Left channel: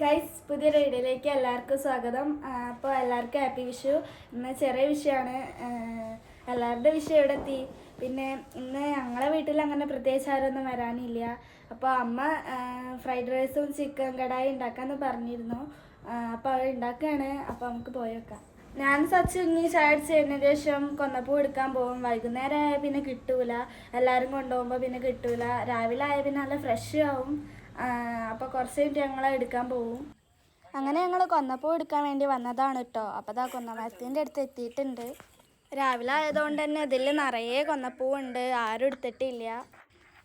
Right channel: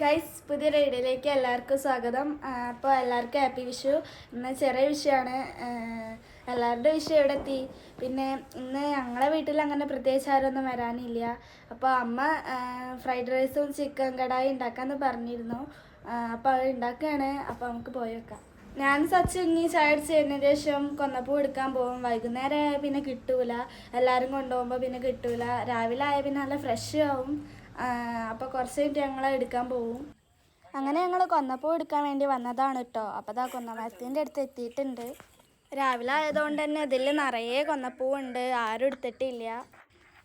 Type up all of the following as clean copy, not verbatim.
Guys, പുതിയ റൈഡിലേക്ക് എല്ലാവർക്കും സ്വാഗതം. അപ്പോൾ എല്ലാവർക്കും ഹാപ്പി വിഷു. ഇന്ന് ചെറിയ വിഷുവാണ്. എല്ലാവരുടെ വിഷു എവിടെ എത്തി. പിന്നെ ഇന്ന് ഞങ്ങളെ വീട്ടിൽ അങ്ങനെ പ്രത്യേകിച്ച് ആരൊന്നും വരാനില്ല. അപ്പോൾ അമ്മ ഫ്രൈഡ് റൈസും ചിക്കൻ കടായി ഉണ്ടാക്കാമെന്ന് പറഞ്ഞിരുന്നു. അപ്പോൾ അത് ഉണ്ടാക്കുകയാണ്. അപ്പോൾ നമുക്ക് പോയി വെക്കാം. ഞാൻ സച്ച് ഇനി ചായ അടിച്ച് കഴിഞ്ഞതിന് ശേഷം കൊന്നപ്പൂ എടുക്കാൻ പോകും. വൈകുന്നേരം ആയാൽ പിന്നെ കിട്ടൂല, എല്ലാവരും കൊണ്ടുപോകുമ്പോൾ പിന്നെ കിട്ടൂല. രാവിലെ ആയാൽ പിന്നെ നല്ല ഫ്രഷ് ആവും. അപ്പോൾ കുറച്ച് കഴിഞ്ഞിട്ട് ഞങ്ങൾ എടുക്കാൻ പോകും. അങ്ങനെ ഞങ്ങൾ കൊന്നപ്പൂ എടുക്കാൻ വേണ്ടി വന്നതാണ് കേട്ടോ. അപ്പോൾ അതാ കൊന്നമരത്തിൻ്റെ അടുത്ത് എത്തിയിട്ടുണ്ട്. രാവിലെ ആയതുകൊണ്ട് തന്നെ ഇതിൽ നിറയെ കൊന്നപ്പൂവുണ്ട്. ആരും എടുത്തിട്ടില്ല.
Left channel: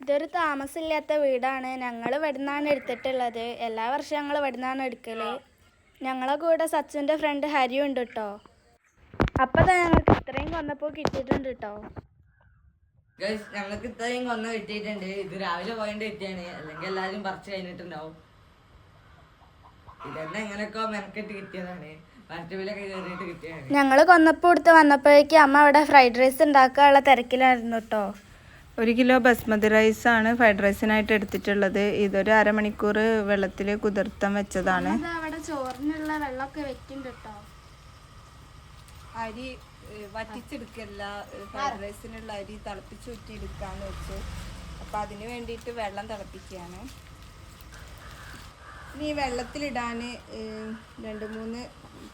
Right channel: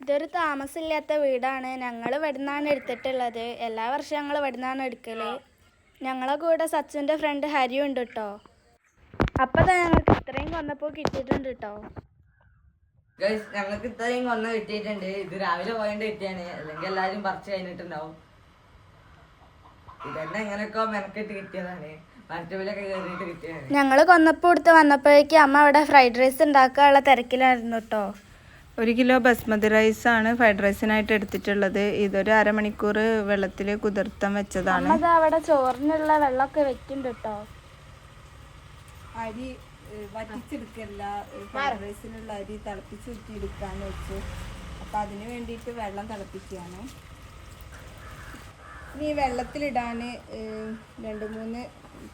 ഇതൊരു താമസമില്ലാത്ത വീടാണ്. ഞങ്ങൾ ഇവിടെ നിന്നാണ് എടുത്തിട്ടുള്ളത്. എല്ലാ വർഷവും ഞങ്ങൾ ഇവിടെ നിന്നാണ് എടുക്കൽ. ഞങ്ങളെ കൂടെ സച്ചുൻ്റെ ഫ്രണ്ട് ഹരിയും ഉണ്ട് കേട്ടോ. അപ്പോൾ ഞങ്ങൾക്ക് ഇത്രയും കൊന്നപ്പൂ കിട്ടിയിട്ടുണ്ട് കേട്ടോ. ഞങ്ങൾക്ക് ഇത്രയും കൊന്ന കിട്ടിയിട്ടുണ്ട്. ഇത് രാവിലെ പോയിട്ട് കിട്ടിയാണ്, അല്ലെങ്കിൽ എല്ലാവരും പറിച്ചു കഴിഞ്ഞിട്ടുണ്ടാവും. ഇതെന്നെ എങ്ങനെയൊക്കെ മെനക്കെട്ട് കിട്ടിയതാണ്, മറ്റവിലൊക്കെ കയറിയിട്ട് കിട്ടിയതാണ്. ഞങ്ങൾ കൊന്നപ്പൂ എടുത്ത് വന്നപ്പോഴേക്കും അമ്മ അവിടെ ഫ്രൈഡ് റൈസ് ഉണ്ടാക്കാനുള്ള തിരക്കിലായിരുന്നു കേട്ടോ. 1 കിലോ ബസ്മതി റൈസാണ് ഫ്രൈഡ് റൈസിനായിട്ട് എടുത്തിട്ടുള്ളത്. ഇതൊരു അരമണിക്കൂർ വെള്ളത്തിൽ കുതിർത്താൻ വെച്ചതാണ്. അവിടെ ചോറിനുള്ള വെള്ളമൊക്കെ വെക്കുന്നുണ്ട് കേട്ടോ. അരി വറ്റിച്ചെടുക്കല്ല, ഫ്രൈഡ് റൈസിനുള്ള അരി തിളപ്പിച്ച് ഊറ്റിയെടുക്കാന്ന് വെച്ചു. അപ്പം അതിന് വേണ്ടിയിട്ട് വെള്ളം തിളപ്പിക്കുകയാണ്. ഇനി വെള്ളത്തിലിടാൻ 2-3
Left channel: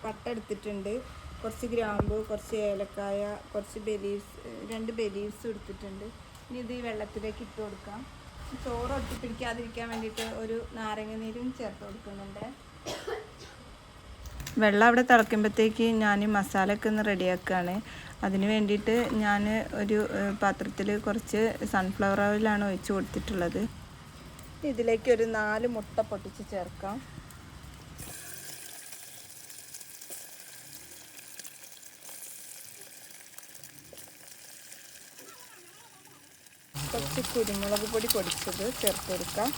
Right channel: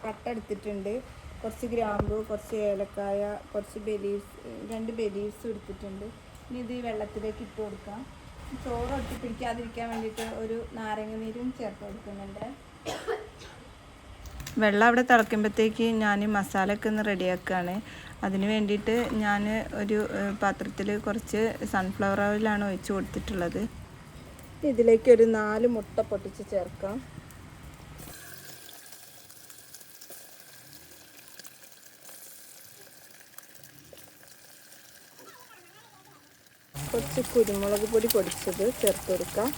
പട്ട എടുത്തിട്ടുണ്ട്, കുറച്ച് ഗ്രാമ്പു, കുറച്ച് ഏലക്കായ, കുറച്ച് രണ്ട് ബെലീവ്സ് എടുത്തിട്ടുണ്ട്. ഇനി ഇത് ഈ വെള്ളത്തിലേക്ക് ഇട്ട് കൊടുക്കാം. ചോറ് ഒട്ടിപ്പിടിക്കാതിരിക്കാൻ വേണ്ടിയിട്ട് ഒരു നാരങ്ങ നീരും ചേർത്ത് കൊടുക്കുന്നുണ്ട്. വെള്ളം അവിടെ തിളയ്ക്കുമ്പോഴത്തേക്ക് ഞാൻ മസാലയൊക്കെ ഒന്ന് റെഡിയാക്കുകയാണ്. അതിന് വേണ്ടിയിട്ട് ഞാൻ ഒരു പാത്രത്തിൽ കുറച്ച് സൺഫ്ലവർ ഓയിലാണ് ഒഴിച്ച് കൊടുത്തിട്ടുള്ളത്. ഇതിലേക്ക് ഒരു 4 മുട്ട പൊട്ടിച്ച് ചേർക്കാം. കുറച്ച് കുരുമുളക് പൊടി പൊടിച്ചത് ചേർത്ത് കൊടുക്കാം.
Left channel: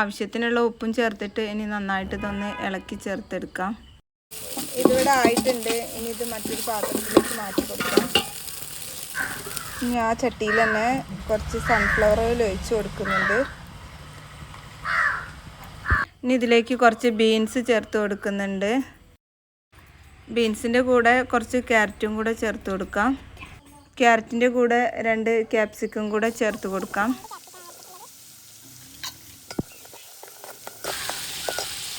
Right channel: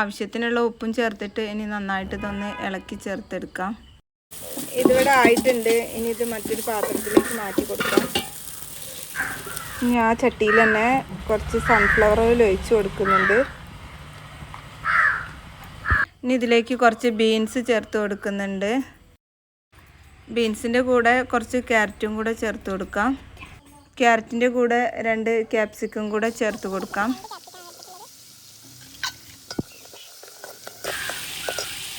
ആവശ്യത്തിനുള്ള ഉപ്പും ചേർത്തിട്ട് ഇനി നന്നായിട്ട് ഇതൊന്ന് ഇളക്കി ചേർത്തെടുക്കാം. ഇതിവിടെ ആയിട്ടുണ്ട്. ഇനി ഇത് മറ്റൊരു പാത്രത്തിലേക്ക് മാറ്റി കൊടുക്കാം. ഇനി ആ ചട്ടിയിൽ തന്നെ കുറച്ച് സൺഫ്ലവർ ഓയിൽ ഒഴിച്ച് കൊടുക്കുന്നുണ്ട്. ഇനി ഇതിലേക്ക് കുറച്ച് ബീൻസ് ചേർത്ത് കൊടുക്കുന്നുണ്ട്. ബീൻസിൻ്റെ കൂടെ കുറച്ച് ക്യാരറ്റും കൂടെ ചേർത്ത് കൊടുക്കാം. ക്യാരറ്റിൻ്റെ കൂടെ 2 ക്യാപ്സിക്കം കൂടെ ചേർത്ത് കൊടുക്കാം.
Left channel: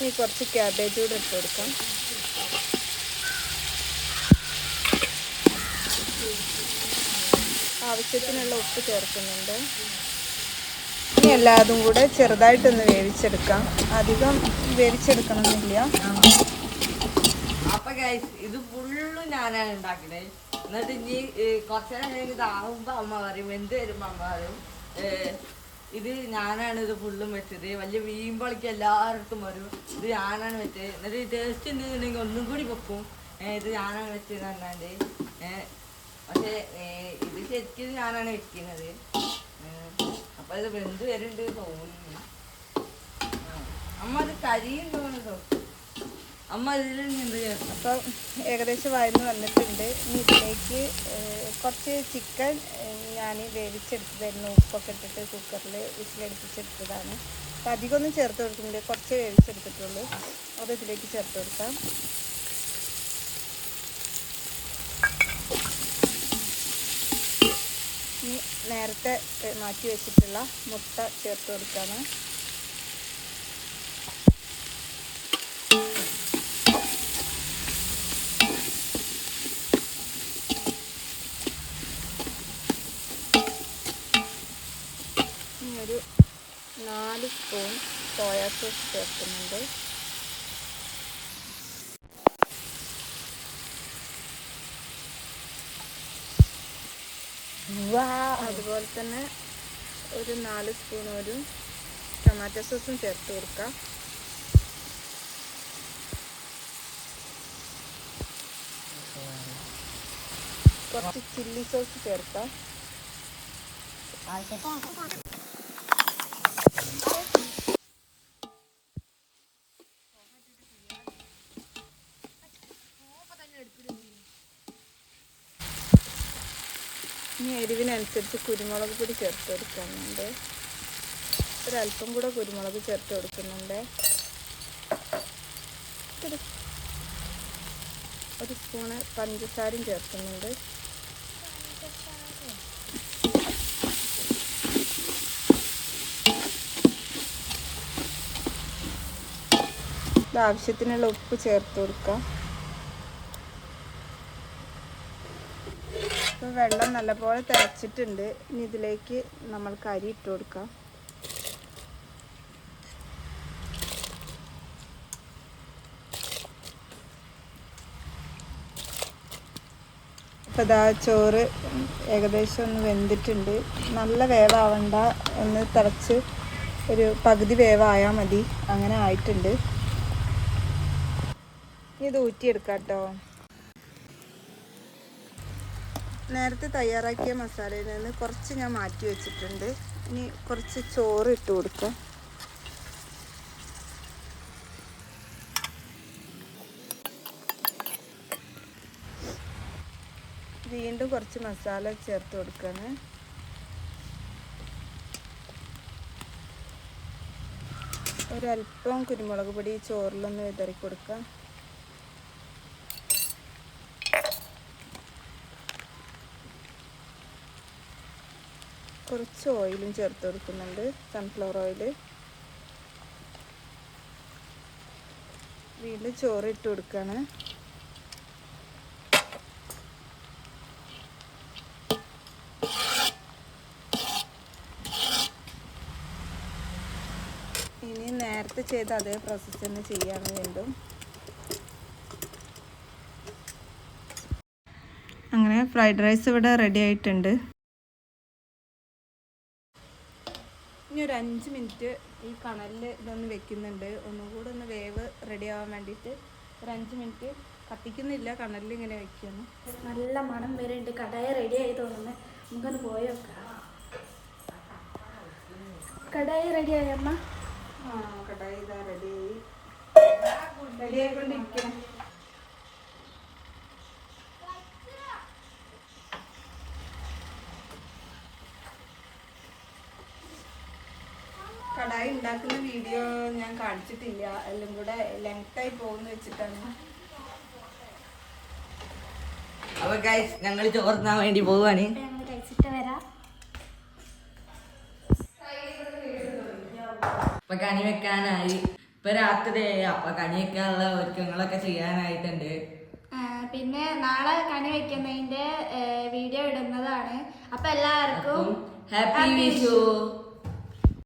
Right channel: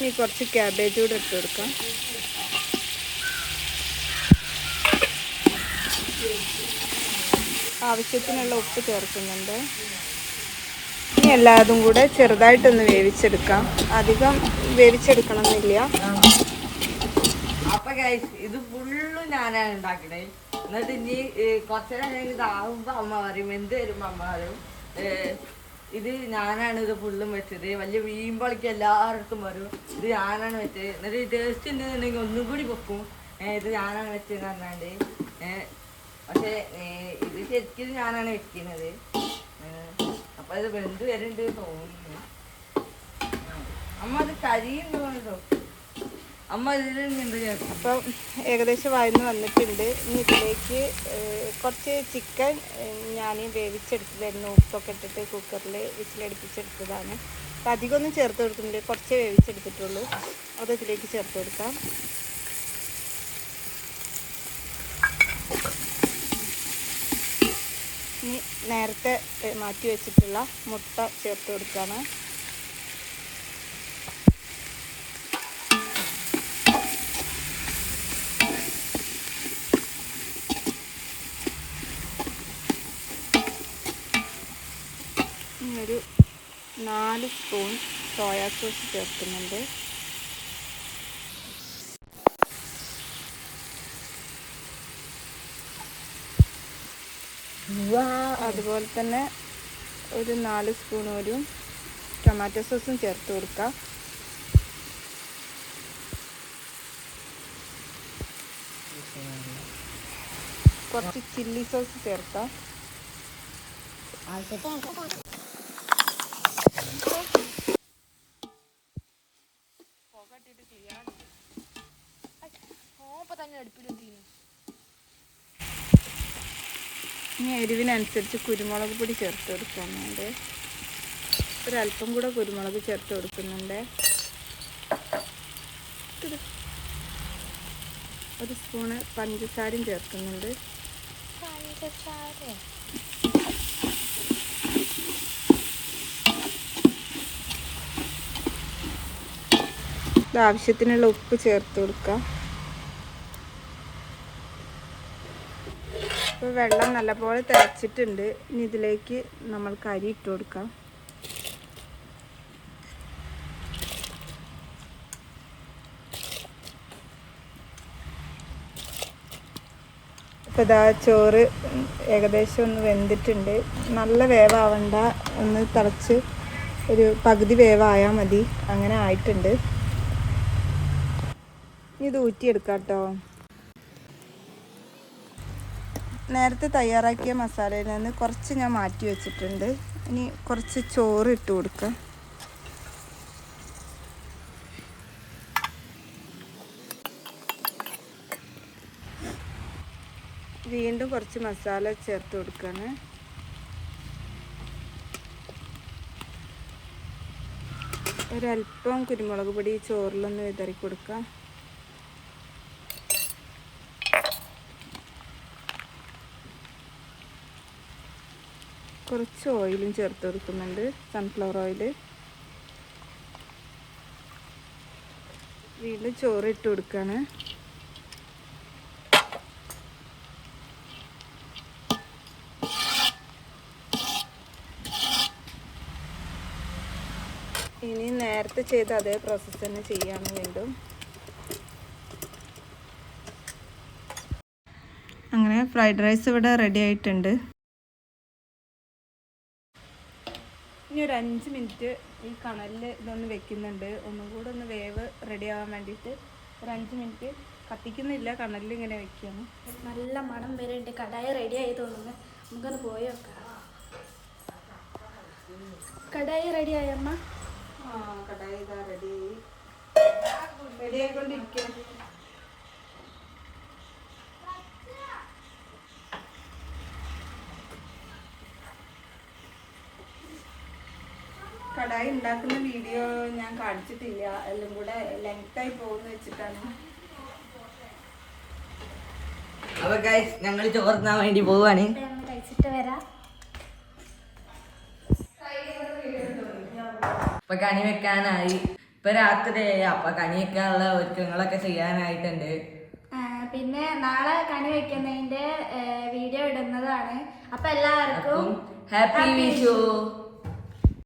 ഈ കുറച്ച് ക്യാബേജ് കൂടെ ഇട്ട് കൊടുക്കാം. ആവശ്യത്തിനുള്ള ഉപ്പ് ചേർക്കുന്നുണ്ട്. ഇനി എല്ലാതും കൂടെ ചെറുതായിട്ടൊന്ന് വേവിച്ചെടുക്കാം. അധികം വേവിച്ചെടുക്കണമെന്നില്ല. അപ്പൊ ഗൈസ്, ഇത് ഫുള്ളും ഞാനാണ് ഉണ്ടാക്കണേ. എന്നിട്ട് ഇനി കുറച്ചേരം കഴിഞ്ഞ് ഇതാവുമ്പോ അമ്മ പറയും, എന്ത് വരുമ്പോ അമ്മ പറയും ഇത് ഞാനാണ് ഇത് ഫുള്ളും വെച്ചത്. വലിയ വീമ്പളിക്ക് എല്ലായിടത്തും വരും, ഇത് ഞാനാണ് വെച്ചത്. എന്നിട്ട് ടേസ്റ്റ് ഉണ്ടെന്നുണ്ടെങ്കിൽ ഒന്നും കൂടി വെക്കും, ഇത് ഞാനാണ് വെച്ചതെന്ന് പറഞ്ഞാണ്ട്. പക്ഷേ ഇത് ശരിക്കും ഞാനാണ് വെക്കുന്നത്. അപ്പൊ ഇത് വെന്ത് വരുന്നുണ്ട് തോന്നുന്നു. അമ്മ അത് കരിയുണ്ടോ? അമ്മ ഇതിൽ എന്ത് ചേർക്കും? അപ്പം ഏകദേശം വഴന്ന് വന്നിട്ടുണ്ട്. ഇനി ഇതിലേക്ക് കുറച്ച് ചിക്കൻ ഞാൻ വേവിച്ചെടുത്തതായിരുന്നു. ഉപ്പൊക്കെ ഇട്ടിട്ട് കുക്കറിൽ വിസിലടുപ്പിച്ചെടുത്തതാണ്. അപ്പം അധികമൊന്നും ചേർത്ത് കൊടുക്കുന്നില്ല, കുറച്ചേ വേവിച്ചെടുത്തിട്ടുള്ളൂ. അത് ഇതിലേക്ക് ചേർത്ത് കൊടുക്കാം. ഇനി നേരത്തെ മാറ്റി വെച്ചിട്ടുള്ള മുട്ട ചേർത്ത് കൊടുക്കുകയാണ്. ഒരു 4 സ്പൂൺ സോയാ സോസ് ചേർക്കുന്നുണ്ട്. അതുപോലെ തന്നെ ഒരു 4 സ്പൂൺ ഒരു ടൊമാറ്റോ സോസും ചേർത്ത് കൊടുക്കാം. കുറച്ച് ചില്ലി സോസ് ചേർക്കാം. ഇനി എരിവിനനുസരിച്ച് കുരുമുളക് പൊടി ചേർത്ത് കൊടുക്കുന്നുണ്ട്. ഒരല്പം കൂടെ കുരുമുളക് ചേർത്ത് കൊടുക്കുന്നുണ്ട്. 1 സ്പൂണ് പഞ്ചസാരയും ചേർക്കുന്നുണ്ട്. ആവശ്യത്തിനുള്ള ഉപ്പ് ചേർത്ത് കൊടുക്കാം. ഇപ്പോൾ വെള്ളം നല്ലപോലെ തിളച്ചിട്ടുണ്ട്. ഇനി ഇതിലേക്ക് നമ്മൾക്ക് അരി ഇട്ട് കൊടുക്കാം. ഇപ്പോൾ ഇതാ ചോറ് ഏകദേശം ഒന്ന് വെന്തിട്ടുണ്ട്. നല്ല വേവാവണ്ട, ഒന്ന് തിളച്ച് ഒരു പകുതി വേവായാൽ മതി. അങ്ങനെ ആയിട്ടുണ്ട്. ഇത് ഊറ്റിയെടുക്കാം കേട്ടോ. നേരത്തെ തയ്യാറാക്കിയ മസാലയിൽ നിന്ന് കുറച്ച് ഞാൻ മാറ്റി വെച്ചിട്ടുണ്ട്. ഇനി കുറച്ച് ചോറ് ഇട്ട് കൊടുക്കാം. വീണ്ടും കുറച്ച് മസാല ചേർത്ത് കൊടുക്കുകയാണ്. ഒരല്പം കുരുമുളക് പൊടി ചോറിലൊന്ന് വിതറി കൊടുക്കാം. കുറച്ച് ഓയിലും ചേർത്ത് കൊടുക്കുന്നുണ്ട്, സൺഫ്ലവർ ഓയിൽ. വീണ്ടും ചോറ് ഇട്ട് കൊടുക്കുകയാണ്. ഇനി നേരത്തെ ചെയ്ത അതേ പ്രോസസ്സ് തന്നെ ചെയ്യാണ് വീണ്ടും. അങ്ങനെ ഫ്രൈഡ് റൈസ് ഇവിടെ റെഡി ആയിട്ടുണ്ട്. ഇനി ഒരു 5 മിനിറ്റ് ഈ കണലിൽ ഇതൊന്ന് വെക്കുന്നുണ്ട്. ഒന്നും കൂടെ ഒന്ന് വേവ് റെഡി ആവാൻ വേണ്ടിയിട്ട് ഒരു 5 മിനിറ്റ് കത്തിക്കുന്നില്ല, കണലിൽ ഇങ്ങനെ വെക്കുകയാണ്. നല്ല മണം വരുന്നുണ്ട്. കടായി റെഡി ആയി തോന്നുന്നു. നമുക്കൊന്ന് പോയി നോക്കാം. കടായി റെഡി ആയി അമ്മ? കടായി ഇതാ റെഡിയായി, റെഡി ആയിക്കൊണ്ടിരിക്കണം. കടായി ഉണ്ടാക്കുന്ന വീഡിയോ ഞാൻ കാണിച്ചിട്ടില്ല, എല്ലാം കൂടെ ലെങ്തായി പോകുന്ന വെച്ചിട്ടാണ്. അപ്പൊ ഗൈസ് ഞങ്ങൾ ചോറിനാൻ വേണ്ടി പോവാണ്. ഞങ്ങൾ കഴിച്ചിട്ട് വരാം. ഇപ്പൊ കണി വെക്കാനായി. ഇപ്പൊ രാത്രിയായി. അപ്പൊ കണി വെക്കാനുള്ള ഒരുക്കങ്ങളൊക്കെ ചെയ്യാനായിട്ടുണ്ട്. പിന്നെ നാളെ കണി വെക്കുന്നതിന്റെ വീഡിയോ ഇടുന്നതാണ്. അപ്പൊ എല്ലാവർക്കും ഹാപ്പി വിഷു.